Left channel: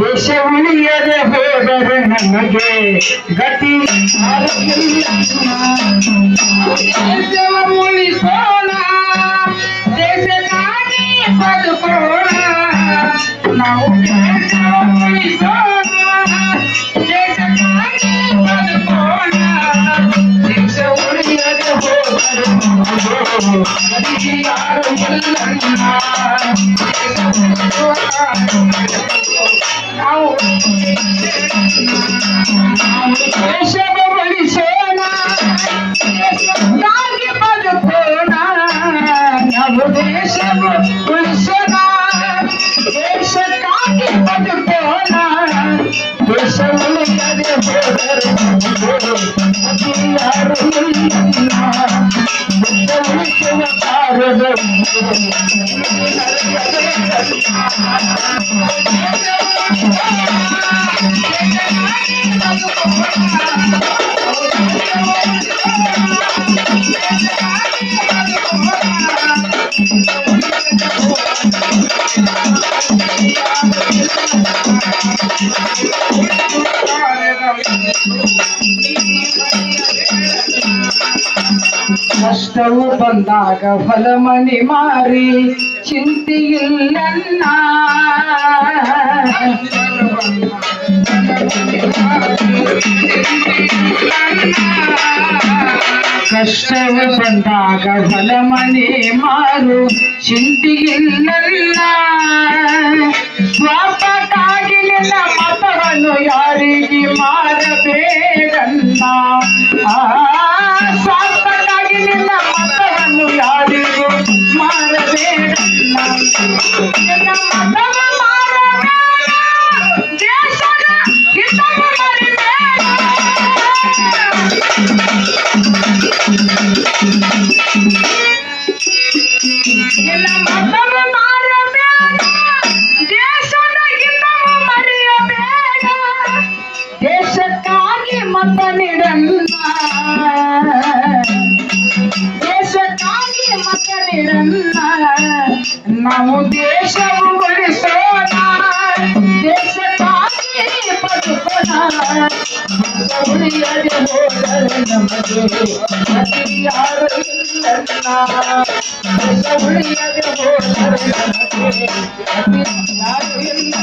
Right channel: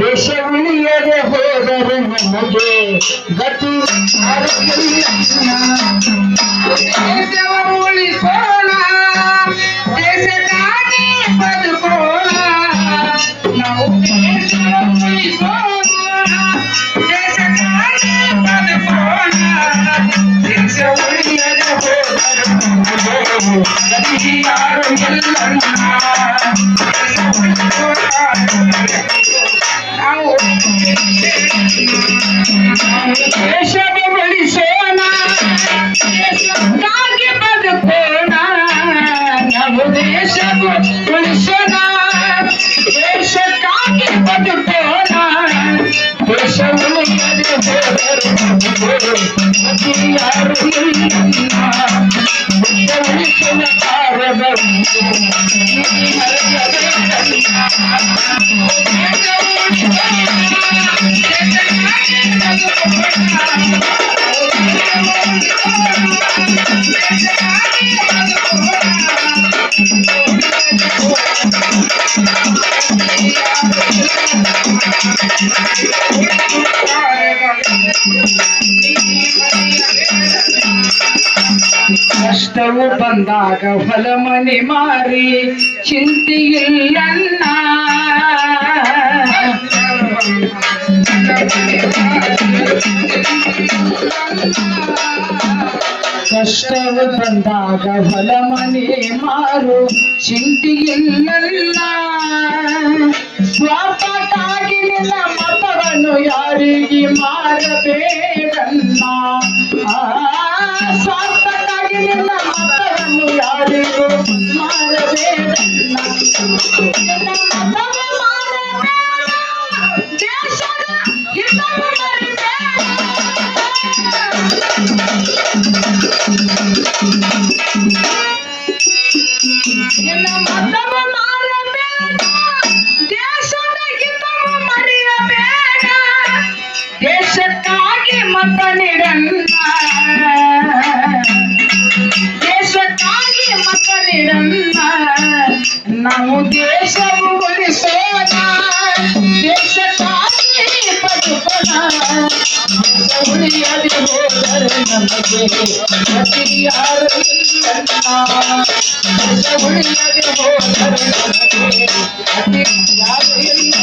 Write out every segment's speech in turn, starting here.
ದೇಶ ಉಳಿಯದೆ ಹೋದರೆ ನಮಗೆ ಗತಿ ದೇಶವ ಉಳಿಸೋಣ, ದೇಶಕ್ಕಾಗಿ ಬದುಕೋಣ. ನಾವು ದೇಶವ ಉಳಿಸೋಣ, ದೇಶಕ್ಕಾಗಿ ಬದುಕೋಣ. ದೇಶ ಉಳಿಯದೆ ಹೋದರೆ ಗತಿ ಯಾರು ಎಲ್ಲನ್ನ. ದೇಶವ ಉಳಿಸೋಣ, ದೇಶಕ್ಕಾಗಿ ಬದುಕೋಣ. ನಾವು ದೇಶವ ಉಳಿಸೋಣ, ದೇಶಕ್ಕಾಗಿ ಬದುಕೋಣ. ದೇಶ ಉಳಿಯದೆ ಹೋದರೆ ಯಾರು ಇಲ್ಲ. ದೇಶ ಉಳಿಸುವ ಕಾರ್ಯದಲ್ಲಿ ಕಷ್ಟವು ಬಂದಾಗ ಹೊಲ ಮನೆ ಮಾರಿ ಚಿಂತೆಯಿಲ್ಲನ್ನ. ಕಷ್ಟವು ಬಂದಾಗ ಹೊಲ ಮನೆ ಮಾರು ಚಿಂತೆಯಿಲ್ಲನ್ನ. ಸ್ವಾರ್ಥಕ್ಕಾಗಿ ನಿನ್ನ ಮತವನ್ನು ಯಾರಿಗೆ ಮಾರಬೇಡನ್ನ. ಸ್ವಾರ್ಥಕ್ಕಾಗಿ ನಿನ್ನ ಮತವನ್ನು ಯಾರಿಗೂ ಮಾರಬೇಡನ್ನ. ನಿನ್ನ ಮತವ ಮಾರಬೇಡ, ದೇಶದ ಹಿತವ ಮರಿಬೇಡ. ನಿನ್ನ ಮತವ ಮಾರಬೇಡ, ದೇಶದ ಹಿತವ ಮರೆಯಬೇಡ. ದೇಶಕ್ಕಾಗಿ ಮತ ನೀಡನ್ನ, ದೇಶಕ್ಕಾಗಿ ಮತ ನೀಡನ್ನ. ನಾವು ದೇಶವು ಉಳಿಸೋಣ, ದೇಶಕ್ಕಾಗಿ ಬದುಕೋಣ. ಉಳಿಯದೆ ಹೋದರೆ ನಮಗೆ ಗತಿ ಯಾರು ಇಲ್ಲ. ದೇಶ ಉಳಿಯದೆ ಹೋದರೆ ನಮಗೆ ಗತಿ ಯಾರು ಇಲ್ಲ.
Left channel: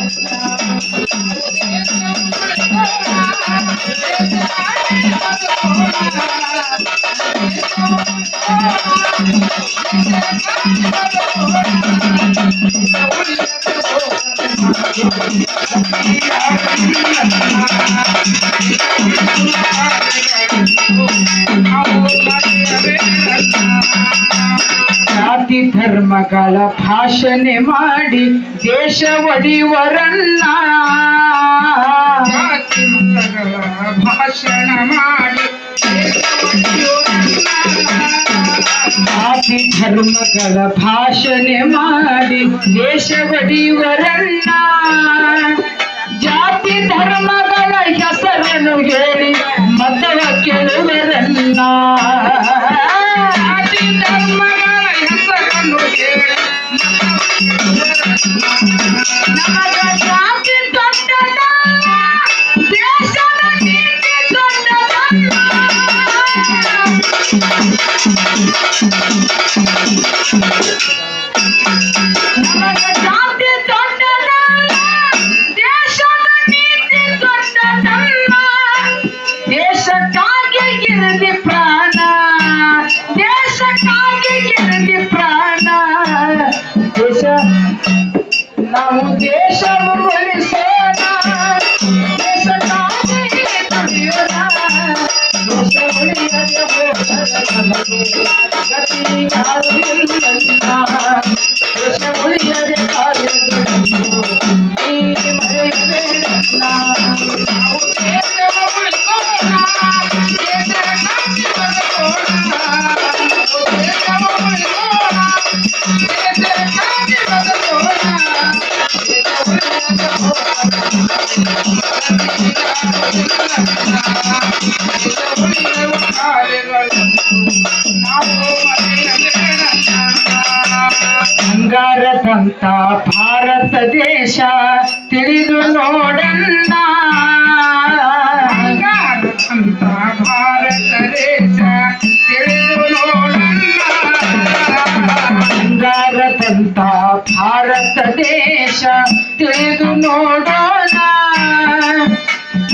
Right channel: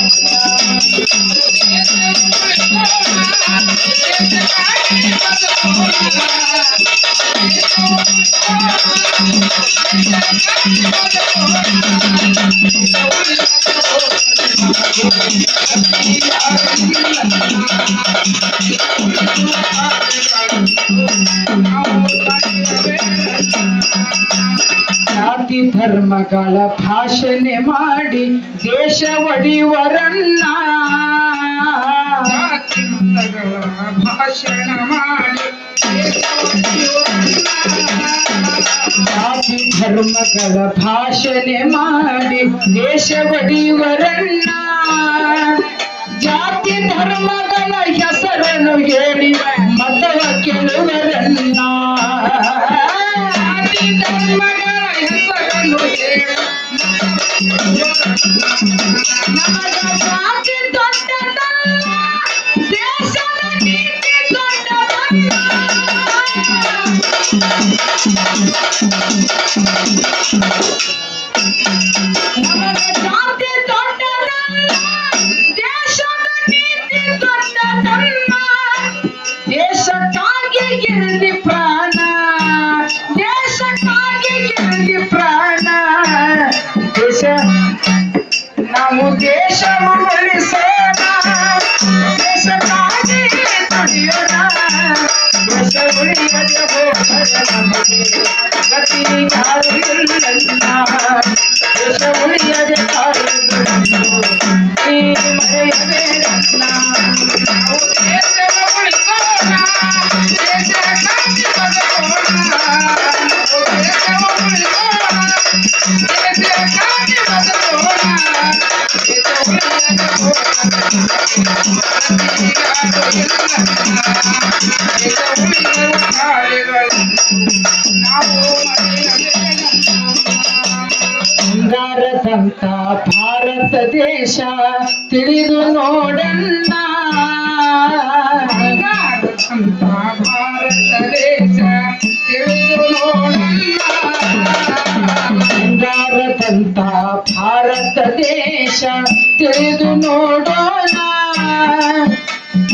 ಜಾತಿ ಧರ್ಮಗಳ ಭಾಷಣೆ ಮಾಡಿ ದೇಶ ಒಡೆಯುವರನ್ನ. ಜಾತಿ ಧರ್ಮಗಳ ಭಾಷಣ ಮಾಡಿ ಜಾತಿ ಧರ್ಮಗಳ ಭಾಷಣೆ ಮಾಡಿ ದೇಶ ಒಡೆಯುವರನ್ನ. ಜಾತಿ ಧರ್ಮಗಳ ಹೆಸರನ್ನು ಹೇಳಿ ಮತವ ಕೇಳುವರನ್ನ. ಜಾತಿ ಧರ್ಮಗಳ ಹೆಸರನ್ನು ಹೇಳಿ ನಮಗ ಜಾತಿ ದೊಡ್ಡದಲ್ಲ, ದೇಶದ ನೀತಿ ದೊಡ್ಡದಲ್ಲ. ನಮಗ ಜಾತಿ ದೊಡ್ಡದಲ್ಲ, ದೇಶದ ನೀತಿ ದೊಡ್ಡದಲ್ಲ. ದೇಶಕ್ಕಾಗಿ ಇರಲಿ ಪ್ರಾಣ, ದೇಶಕ್ಕಾಗಿ ಇರಲಿ ಪ್ರಾಣ. ದೇಶ ನಾವು ದೇಶವು ಉಳಿಸೋಣ, ದೇಶಕ್ಕಾಗಿ ದುಡಿಯೋಣ. ದೇಶ ಉಳಿಯದೆ ಹೋದರೆ ನಮಗೆ ಗತಿ ಯಾರು ಇಲ್ಲ. ದೇಶ ಉಳಿಯದೆ ಬಂಗಾರದ ಬಂಗಾರದಂತ ಭಾರತ ದೇಶ ತಿಳಿದು ನೋಡಣ್ಣ ಬಂಗಾರದಂತ ಭಾರತ ದೇಶ ತಿಳಿದು ನೋಡಣ್ಣ ಬಂಗಾರದಂತ ಭಾರತ ದೇಶ ತಿಳಿದು ನೋಡೋಣ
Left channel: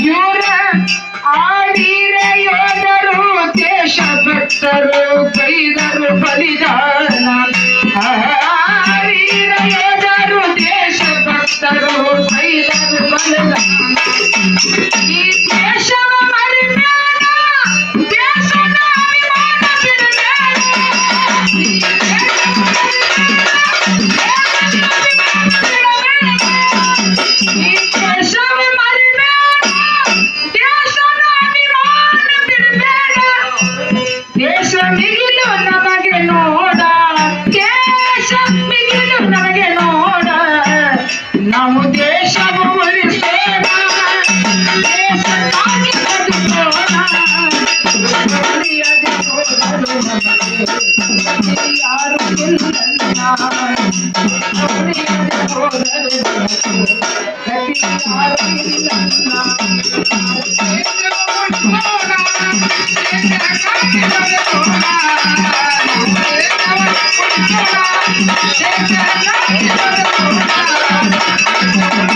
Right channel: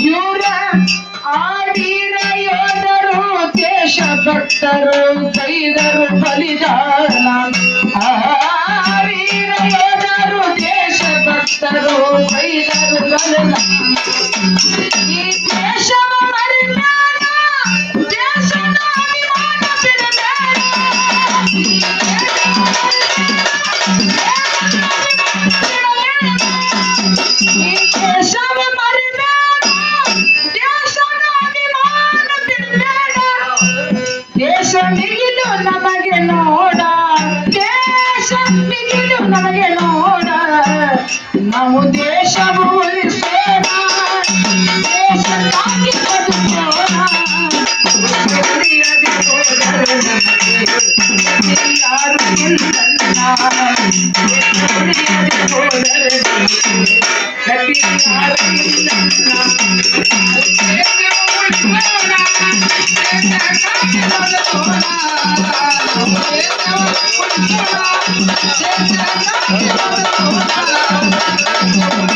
ಇವರ ಆವೀರ ಯೋಧರು ದೇಶ ಭಕ್ತರು ಕೈದರು ಬಲಿದಾನ ವೀರ ಯೋಧರು ದೇಶ ಭಕ್ತರು ಕೈದರು ಬಲಿದಾನ ಈ ದೇಶವ ಮರಿಬೇಡ ದೇಶದ ಅಭಿಮಾನ ಬಿಡಬೇಡ ಈ ದೇಶವ ಮರಿಬೇಡ ದೇಶದ ಅಭಿಮಾನ ಬಿಡಬೇಡ ದೇಶ ಮಿಗಿಲು ನಮಗೆ ನೋಡ ದೇಶ ಮಿಗಿಲು ನಮಗೆ ನೋಡ ನಾವು ದೇಶವು ಉಳಿಸೋಣ ದೇಶಕ್ಕಾಗಿ ಬದುಕೋಣ ಉಳಿಯದೆ ಹೋದರು ನಮಗೆ ಯಾರು ಇಲ್ಲಲ್ಲ ಉಳಿಯದೆ ಹೋದರು ಗತಿ ಯಾರು ಇಲ್ಲಲ್ಲ Thank you.